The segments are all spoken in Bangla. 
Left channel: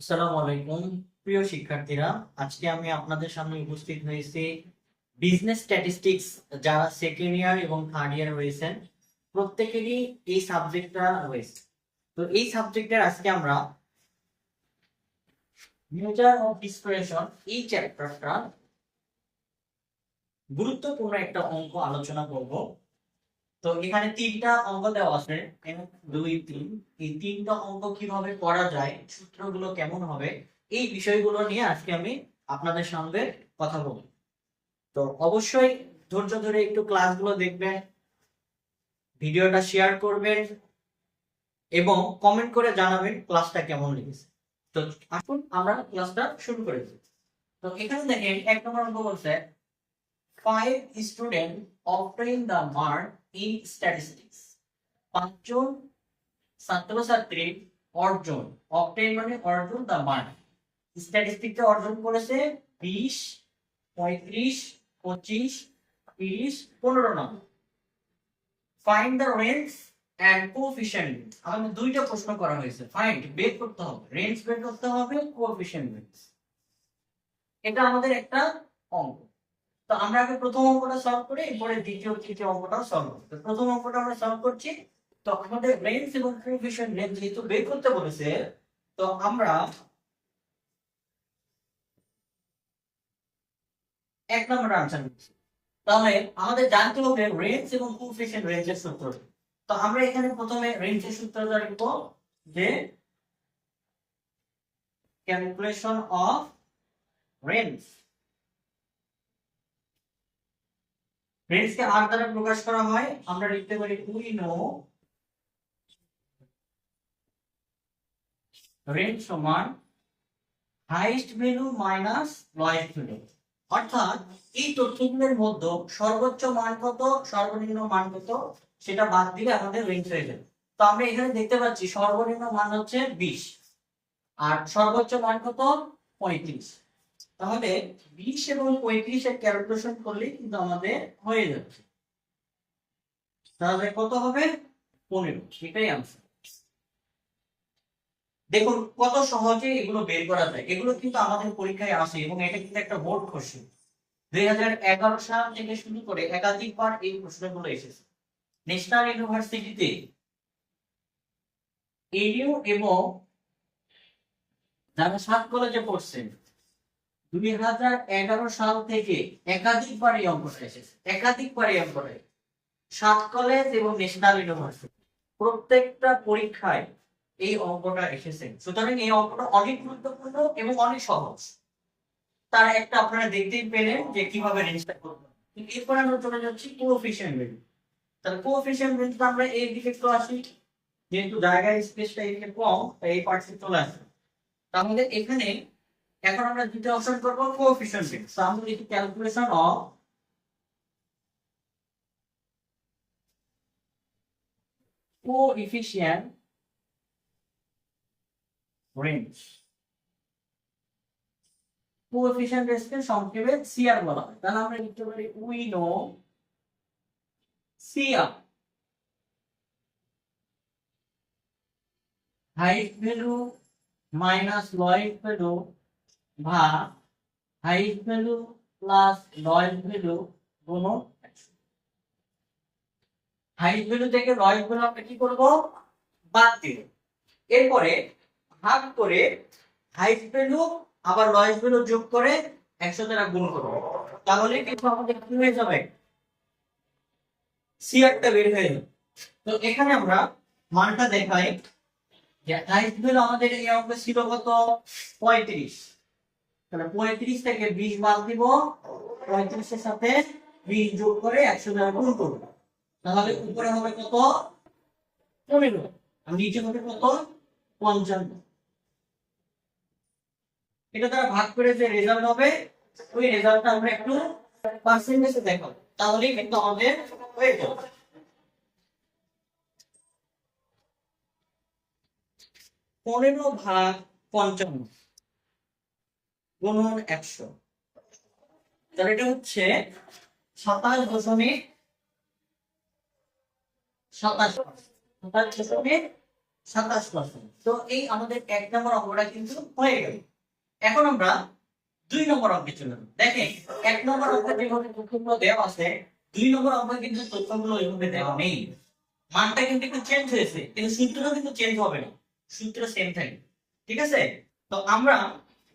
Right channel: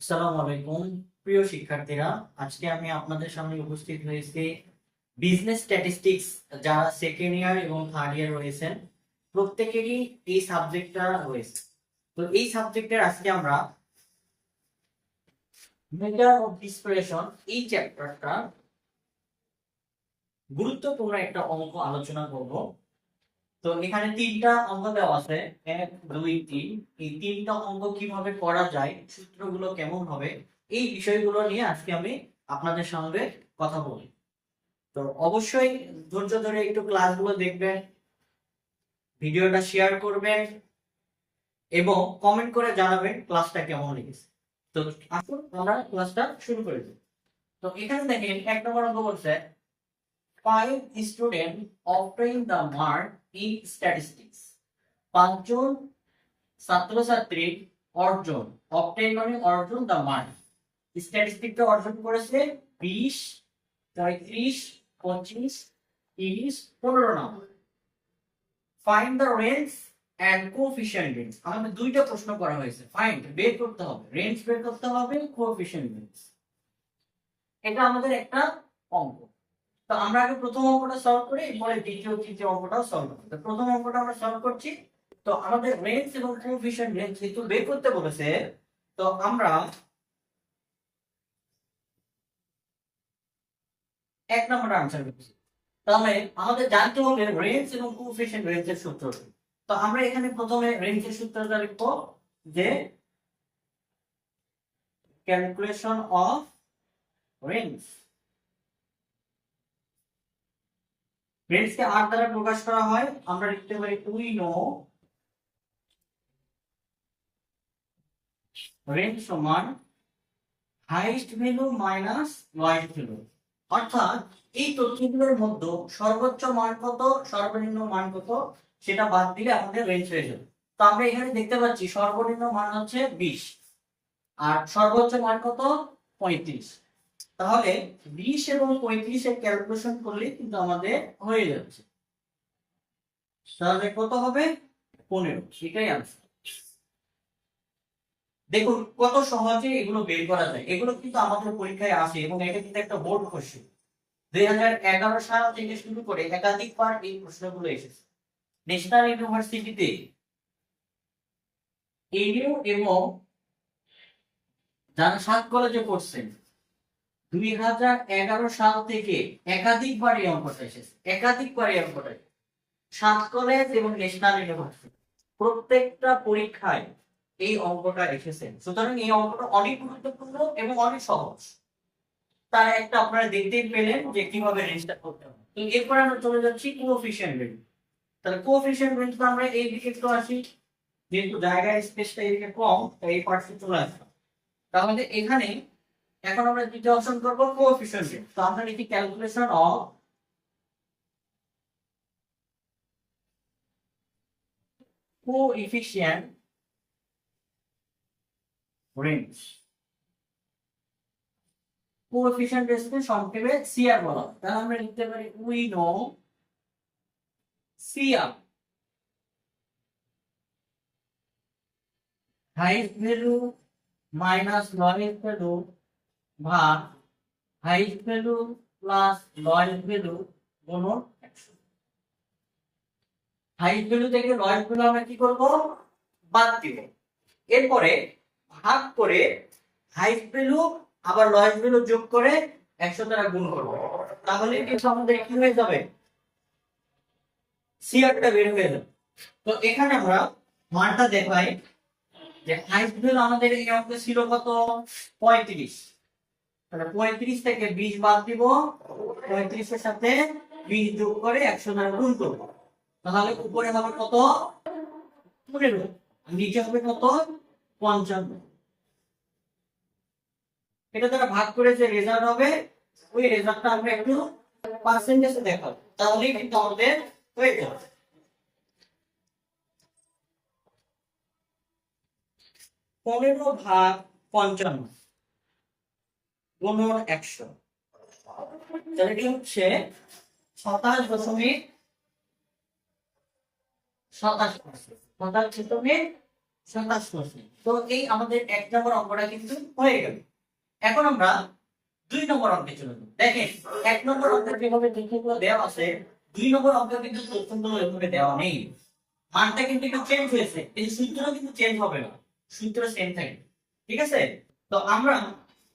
আসসালামু আলাইকুম প্রিয় শিক্ষার্থীরা, আজকে আমি আপনাদের সামনে উপস্থিত হয়েছি বিজনেস স্ট্যাটিস্টিক্স। যারা সেকেন্ড ইয়ার এবং থার্ড ইয়ার রয়েছেন প্রত্যেকেরই এই সাবজেক্টটা রয়েছে। তো এই সাবজেক্টের আজকে আমরা মেজার অফ ডিসপারশন এই চ্যাপ্টারটা গুরুত্বপূর্ণ একটা অঙ্ক আলোচনা করব। তো এখানে তিনটা অঙ্ক দেওয়া আছে, 1 2 3। এই তিনটা অঙ্ক কিভাবে করা যায়, সূত্রগুলো কেমন হবে, এই বিষয়গুলো নিয়ে আজকে আমি আপনাদের সঙ্গে কথা বলি। তো অবশ্যই ধৈর্য ধরে একটু ক্লাসগুলো দেখবেন, ভিডিওটা শেয়ার করবেন এবং কমেন্ট করে জানাবেন ক্লাসটা কেমন লেগেছে। তো আসুন আমরা ক্লাসটা শুরু করে দিই। তো এখানে দেখেন 1 নম্বর অঙ্ক বলছে 5 student obtain the mark in statistics। 5 জন ছাত্রছাত্রী অর্জন, obtain মানে অর্জন, the mark স্ট্যাটিস্টিকটা অর্জন করেছে 20 35 25 30 15 number. Find the range and coefficient range. আমাদের দুইটা প্রশ্ন করা হয়েছে, ফাইন্ড বের করতে হবে, রেঞ্জ বের করতে হবে, কোএফিশিয়েন্ট রেঞ্জ। এটা আমাদের একটা অঙ্ক। তো আমরা আগে প্রথম অঙ্কটা সলভ করি, এরপরে দ্বিতীয় তৃতীয় অঙ্কটাও সলভ করব। প্রথম অঙ্কটা আমরা সলভ করছি। তো আমাদের রেঞ্জ এবং কোএফিশিয়েন্ট রেঞ্জ যেহেতু বের করতে বলেছে, তো আমরা 1 নম্বর আনসার করছি। তাহলে আমাদের জানতে হবে রেঞ্জ এবং কোএফিশিয়েন্ট রেঞ্জের সূত্র। তো আমরা এখানে প্রথমে রেঞ্জের সূত্রটা লিখব, যে ক্যালকুলেশন অফ রেঞ্জ। রেঞ্জকে আর দ্বারা প্রকাশ করা হয়, আমরা লিখতে পারি উই নো রেঞ্জ সমান highest value minus lowest value. অর্থাৎ এই তথ্যগুলোর মধ্যে সর্বোচ্চ মান কত, সর্বনিম্ন মান কত, সেটা বাদ দিলে আমাদের রেঞ্জ হয়ে যাবে। তো আমরা এখানে দেখতে পাচ্ছি সর্বনিম্ন মান হচ্ছে 20 আর সর্বোচ্চ মান কত 35। তাহলে 20 এবং 35 এর ক্যালকুলেশন করলে কিন্তু আমাদের হয়ে যাচ্ছে। তাহলে কত হবে 15, সেটাই आंसर। দেখুন কত সহজে এগুলো বের করা যায়, এগুলো কিন্তু আমাদের পরীক্ষায় আসে এবং এটা কিন্তু একটা বোর্ড কোশ্চেন। 2011 সাল থেকে শুরু করে একাধিকবার এই প্রশ্নগুলো এসেছে। ন্যাশনাল ইউনিভার্সিটিতে এডিউ এবং যারা 7 কলেজে পড়ছেন 2011 সাল থেকে একাধিকবার এই অঙ্কটা এসেছে, একাধিকবার এই অঙ্কটা। 7 কলেজ এবং ন্যাশনাল ইউনিভার্সিটি প্রত্যেকটা পরীক্ষায় এই অঙ্কটা এসেছে। সুতরাং এই অঙ্কটা অনেক গুরুত্বপূর্ণ এবং অনেক সহজ। তার একটা আপনারা দেখতেই পেলেন যে কিভাবে রেঞ্জটা করতে হবে। তো এরপর আমরা চলে যাচ্ছি কোএফিশিয়েন্ট রেঞ্জ। তাহলে কোএফিশিয়েন্ট রেঞ্জটা আমরা এই দিকে একটু আসি, যেহেতু জায়গার স্পেসটা এদিকে কম তাই এই পার্টে চলে আসবে। তাহলে এখানে এখন আমরা দ্বিতীয় অপশন করব কোএফিশিয়েন্ট রেঞ্জ। তো আমরা লিখি calculation of coefficient range. Coefficient রেঞ্জকে সংক্ষেপে সিআর বলা হয়। তাহলে আমরা লিখতে পারি we know CR, highest value minus lowest value ভাগ highest value plus lowest value গুণন 100। হাইয়েস্ট ভ্যালু থেকে লোয়েস্ট ভ্যালু আমরা কি করব, বাদ দিব। এরপরে ভাগ করে হাইয়েস্ট ভ্যালু আবার লোয়েস্ট ভ্যালু যোগ করে 100 দ্বারা গুণ করব। তাহলে কিন্তু আমাদের কি হয়ে যাবে, সিআরটা বের হয়ে যাবে। তো এখানে আমরা মানটা দেখাই যে হাইয়েস্ট ভ্যালু আমাদের এই অঙ্কে ছিল কত 35। তাহলে 35 থেকে 20 বাদ দিব, 35 এর সাথে 20 যোগ করে 100 দ্বারা গুণ করব। তাহলে উপরে হবে কত 15 আর নিচে হবে কত 55। এটা দ্বারা ভাগ করে যে রেজাল্ট হবে ওই রেজাল্টটা আমরা একটু পার্সেন্টেজে দেখাবো, তাহলেই কিন্তু আমাদের হয়ে যাবে। 15 ভাগ 55 গুণন 100। তাহলে এটা হচ্ছে 27.27%। 27.27%। 27%। তো এই আমাদের 1 নম্বর অঙ্কটা কিন্তু হয়ে গেল। এখন আমরা 2 নম্বর অঙ্কে চলে যাব। দেখেন 1 নম্বর অঙ্কে যেভাবে তথ্যগুলো দেওয়া আছে, 2 নম্বর অঙ্কে কিন্তু তথ্যগুলো এভাবে দেওয়া নেই। মানটা কিন্তু একটু চেঞ্জ হয়েছে, কিন্তু সূত্রটা কিন্তু চেঞ্জ হবে না, সূত্র সেম থাকবে। ঠিক আছে? তো আমরা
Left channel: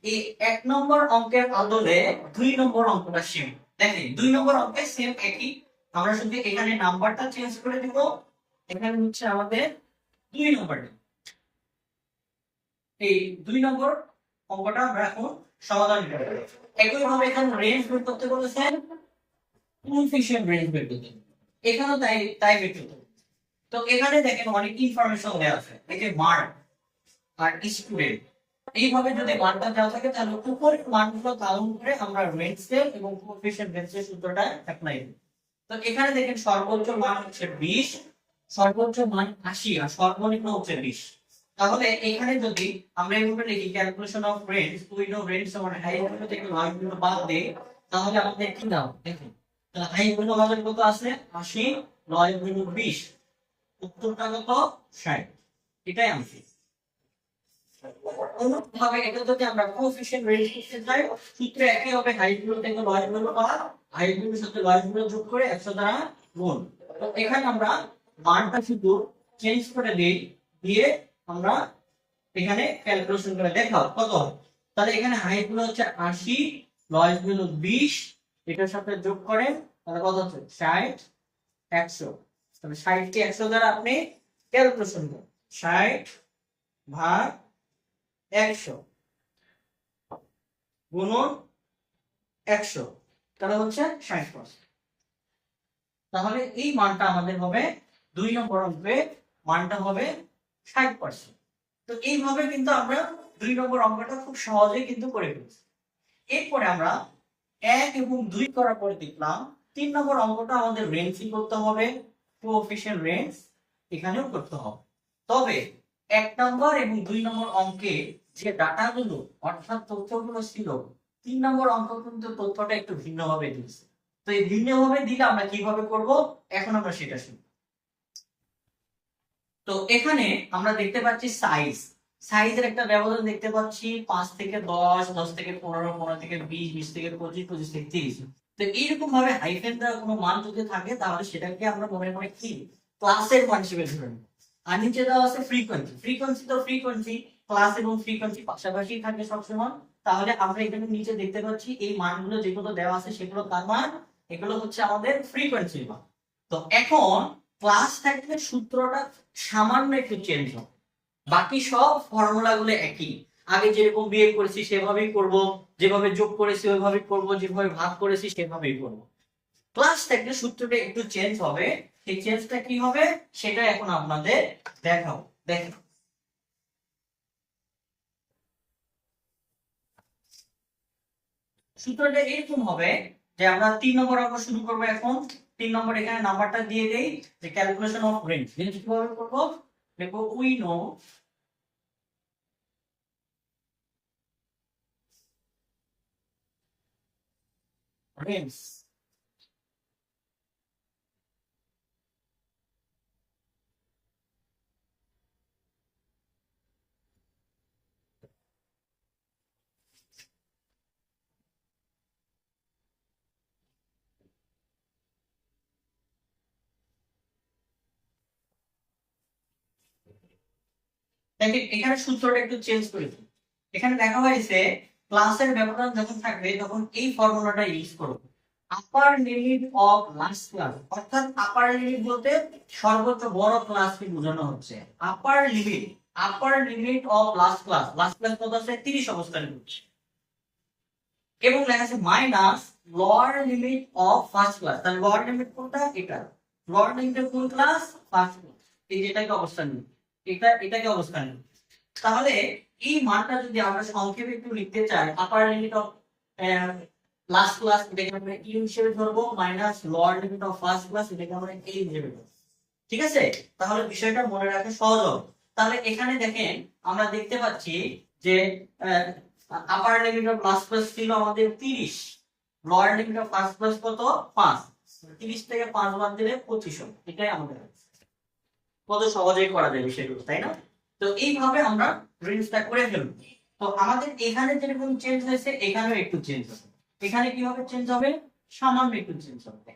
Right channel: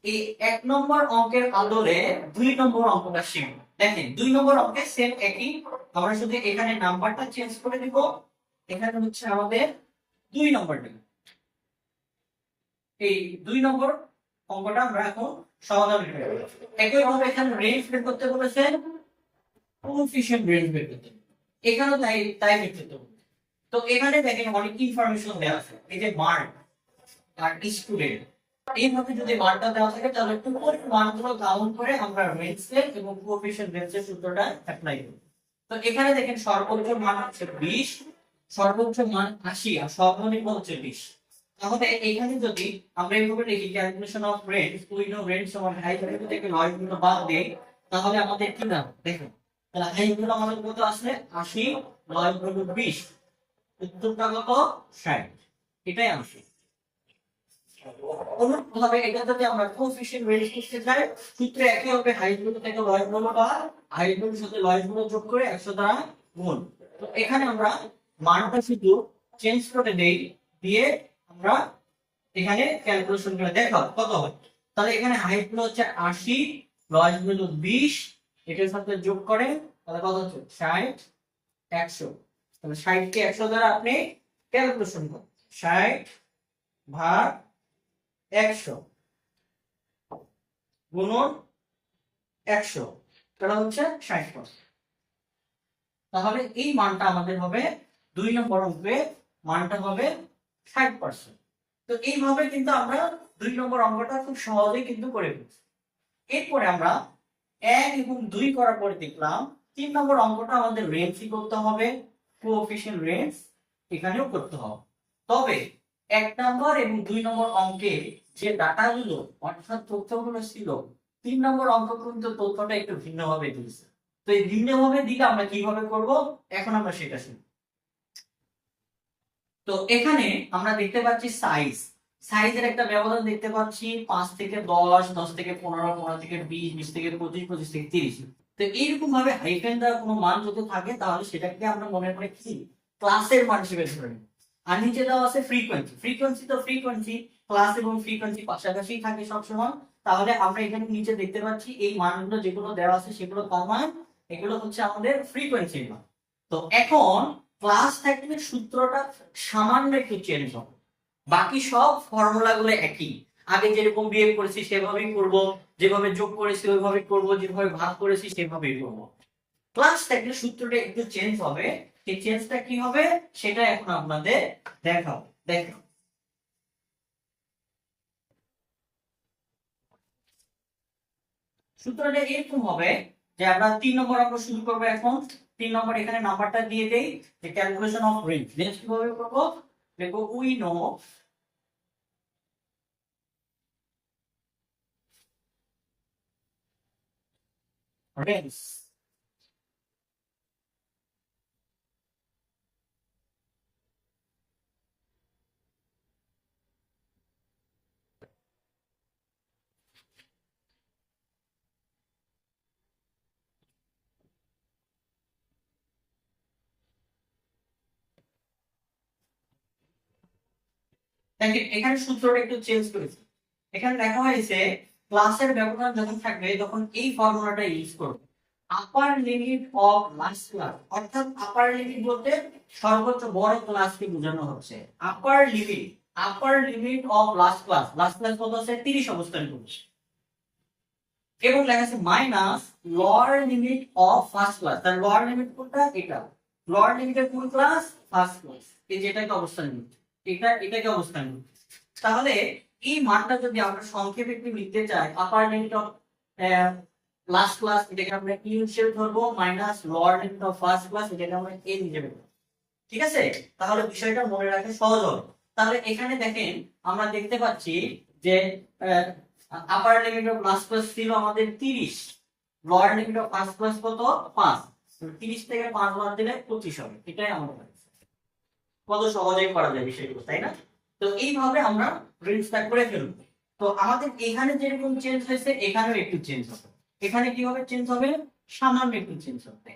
এই 1 নম্বর অঙ্কের বদলে 2 নম্বর অঙ্কটা শিখব। দেখেন 2 নম্বর অঙ্কে সেম একই, আমরা শুধু এখানে নাম্বারটা চেঞ্জ করে দিব। এখানে হচ্ছে আমাদের 2 নম্বরটা। এই 2 নম্বর অঙ্কটা আমরা এখন সমাধান করব। একই ভাবে এখানে রেঞ্জ বের করতে বলেছেন, কোএফিশিয়েন্ট রেঞ্জ বের করতে। এখানেও তাই তাই বের করতে হবে। তো এখানে দেখেন অনেক ইনফরমেশন দেওয়া আছে, এই যে মার্ক আর স্টুডেন্ট, এইভাবে যদি মানটা দেওয়া থাকে তাহলে উপরের মানগুলো কাউন্ট করে আমরা রেঞ্জের এবং কোএফিশিয়েন্ট রেঞ্জের সূত্রটা অ্যাপ্লাই করব। তো এখানে দেখেন সর্বোচ্চ মান হচ্ছে 20, সর্বোচ্চ মান 80 আর সর্বনিম্ন হচ্ছে 20। তাহলে এখানে যদি আমরা এইভাবে লিখি calculation of range, we know range সমান হাই ভ্যালু থেকে লো ভ্যালু বাদ দেই, তাহলে আমাদের কি দাও দেখুন। তাহলে হাই ভ্যালু আমাদের কত আছে 80, লো ভ্যালু 20, উত্তরটা কত 60। এটাই আনসার। অনুরূপভাবে এটা যদি আমরা কোএফিশিয়েন্ট রেঞ্জ করতে যাই, সূত্র একই হবে, হাইট ভ্যালু থেকে লয়ের ভ্যালু বাদ, হাইট ভ্যালুর সাথে লয়ের ভ্যালু যোগ করে 100 দ্বারা গুণ। তো এখানে আমরা মানটা শুধু চেঞ্জ করে দেই, দিয়ে আমরা এখানে ক্যালকুলেশন করে দেখাও কত হয়। তাহলে এখানে হাইট ভ্যালু হচ্ছে 80, লয়ের ভ্যালু 20, এটার সাথে যোগ করে তাহলে কত হচ্ছে 60, 100। তাহলে 60 কে 100 দ্বারা আপনি ক্যালকুলেশন করুন, 60 ভাগ 100 গুণন 100, তাহলে হচ্ছে 60%। তাহলে এই মানটা আমাদের হবে 2 নম্বর অঙ্কে, মানটা হবে 60%। তো এইভাবে কিন্তু আমরা 2 নম্বর অঙ্কটা খুব সহজেই কিন্তু করে ফেলছি। এরপরে আমরা 1 এবং 2 করার পরে দেখলাম 3 নম্বর অঙ্কটা আমাদের রেঞ্জই করতে হবে, কোএফিশিয়েন্ট রেঞ্জ এখানেও করতে হবে। তবে 1 নম্বর এবং 2 নম্বর অঙ্কে যে ডাটাগুলো অর্থাৎ তথ্যগুলো ছিল, 3 নম্বর অঙ্ক কিন্তু তথ্যটা একটু ভিন্নভাবে দিয়েছে। তো এই ভিন্নভাবে দিলে আমরা কিভাবে করব এখন আমরা সেটা শিখব। তো এখানে আমরা দেখতে পাচ্ছি সাইজের একটা ব্যবধান দেখতে পাচ্ছি, 5 থেকে 10, 10 থেকে 15, 15 থেকে 20, 20 থেকে 25, 25 থেকে 30। তো এইরকম ভাবে হাইফেন দেওয়া কোনো মান যদি থাকে তাহলে সেটাকে আমরা মনে মনে কি ক্লাসের মান হিসেবে ধরে নেব। আর নিচে দেওয়া আছে ফ্রিকোয়েন্সি, তো ফ্রিকোয়েন্সি ক্লাস এবং ফ্রিকোয়েন্সি পাশাপাশি থাকে সবসময়। তাহলে আমরা এখানে নিচে দেখতে পাচ্ছি এই মানগুলো যেগুলো দেওয়া আছে সেগুলো কার মান, এগুলো হচ্ছে আমাদের ফ্রিকোয়েন্সির মান। তো এখন ক্লাস থাকলে সূত্রটা সামান্য একটু চেঞ্জ হবে, বাকি সব ফর্মুলা গুলো একই, আগে যেরকম বিয়োগ করেছি সেভাবেই করব, যেভাবে যোগ করেছি ওইভাবেই করব, যেভাবে ভাগ করেছি সেভাবেই করব। ক্লাস থাকলে সূত্রটা একটু চেঞ্জ হবে, সেই চেঞ্জটা কি হবে সেটা এখন আপনাদের দেখাও। দেখো সূত্রটা এরকম হবে যে আমরা 3 নম্বর অঙ্ক শুরু করব। এখন 3 নম্বর এখানে নাম্বারটা দিয়ে দেই, যে ক্যালকুলেশন অফ রেঞ্জ। রেঞ্জ কিভাবে করব, দেখো উই নো রেঞ্জ দেখেন এখানে সূত্রটা একটু চেঞ্জ করেছি। এখানে দেখা হয়েছে ক্লাসের ব্যবধান যখন থাকবে তখন এই ফর্মুলাটা ইউজ করব, আপার লিমিট অফ লাস্ট ক্লাস। অর্থাৎ আপার লিমিট বলতে সর্বোচ্চ বড় ক্লাসকে বোঝানো হচ্ছে। আপার limit of last class, last class কত আছে 30 অবস্থান করছে, এবং লেখা আছে minus lower limit of first class. তার লোয়ার লিমিট কোনটা, এটা লোয়ার লিমিটের কোন ক্লাস, ফার্স্ট ক্লাস। এই যেটাকে অবস্থান নিচ্ছে, এটাকে অবস্থান নিচ্ছে। তাহলে এই মানটা যদি আমরা সংক্ষেপে একটু লিখতে চাই, আপার লিমিট অফ লাস্ট ক্লাস এটাকে আমরা ই হিসেবে ধরবো, minus lower limit of first class এটাকে আমরা এ হিসেবে ধরবো। ঠিক আছে? তাহলে বিষয়টা মনে রাখা সহজ হবে। তাহলে এখানে দেখেন আমরা দেখতে পাচ্ছি যে আপার লিমিট অফ লাস্ট ক্লাস ছিল আমাদের 30, lower limit of first class কত 5, 30 থেকে 5 বাদ দিলে 25 হবে। এটাই আমাদের কত সহজেই করা যায় বিষয়গুলো, তাই না? তো এইভাবে আমরা রেঞ্জটা করে ফেলবো। তো আমাদের এখানে যেরকম চেঞ্জ হয়েছে এখানেও একটু চেঞ্জ হবে। এখানে কিভাবে চেঞ্জ হবে? সামান্য একটু চেঞ্জ হবে।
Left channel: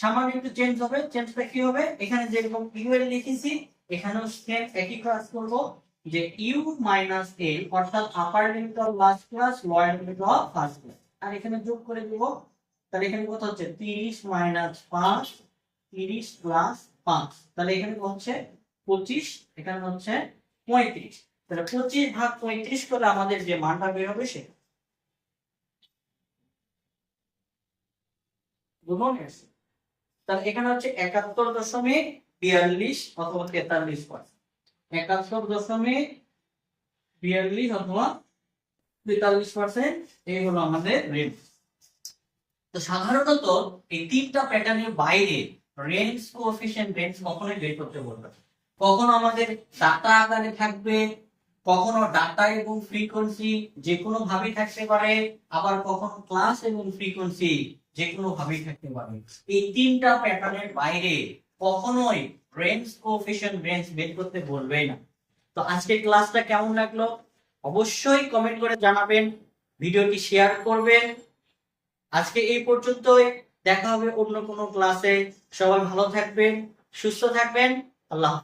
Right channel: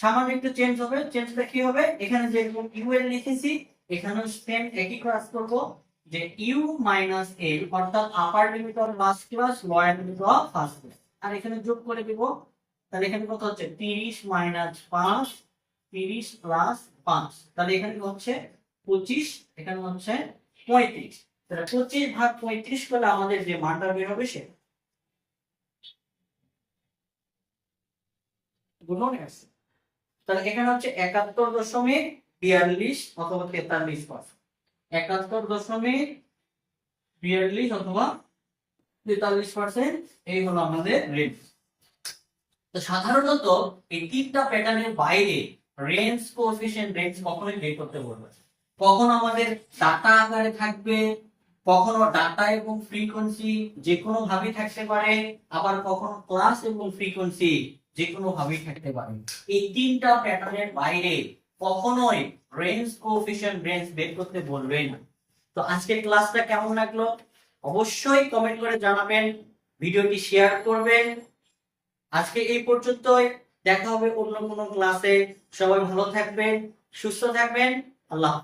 সামান্য একটু চেঞ্জ হবে। চেঞ্জটা কি হবে? এখানে যেরকম ইউএল লিখেছি এখানেও সেম একই ক্লাস করব, যে ইউ মাইনাস এল অর্থাৎ upper limit of last class lower limit of first class, আর এখানে যোগ করে দিব। তাহলে এখানে কত হচ্ছে? 30 মাইনাস 5, 30 প্লাস 5, তাহলে এখানে হচ্ছে 25, এখানে হচ্ছে 35। তাহলে 25 ভাগ 35 করলে আমাদের যে মানটা বের হবে সে বুঝুন। তাহলে এখানে হচ্ছে 71.42 অথবা 43%। 71.42 অথবা 43% এই হলো আমাদের রেঞ্জ। তো সাধারণত এই তিনটা প্যাটার্নের বাইরে রেঞ্জ কোএফিশিয়েন্ট রেঞ্জ কখনোই বের করতে বলবে না। কখনো আমাদের ডাটা আকারে থাকবে, কখনো ডাটা এবং ফ্রিকোয়েন্সি যে কোনো ভাবেই থাকতে পারে, আবার কখনো ক্লাস এবং ফ্রিকোয়েন্সি যে কোনো ভাবেই থাকতে পারে। এই তিনটা প্যাটার্নের বাইরে কখনোই রেঞ্জ কোএফিশিয়েন্ট রেঞ্জ বের করতে বলবে না। তো আজকের ক্লাসটা কেমন লাগলো অবশ্যই কমেন্ট করে জানাবেন, ভিডিওটি শেয়ার করবেন। আজকে এই পর্যন্তই, দেখা হবে অন্য কোনো ক্লাসে। সবাই ভালো থাকবেন, সুস্থ থাকবেন। আল্লাহ।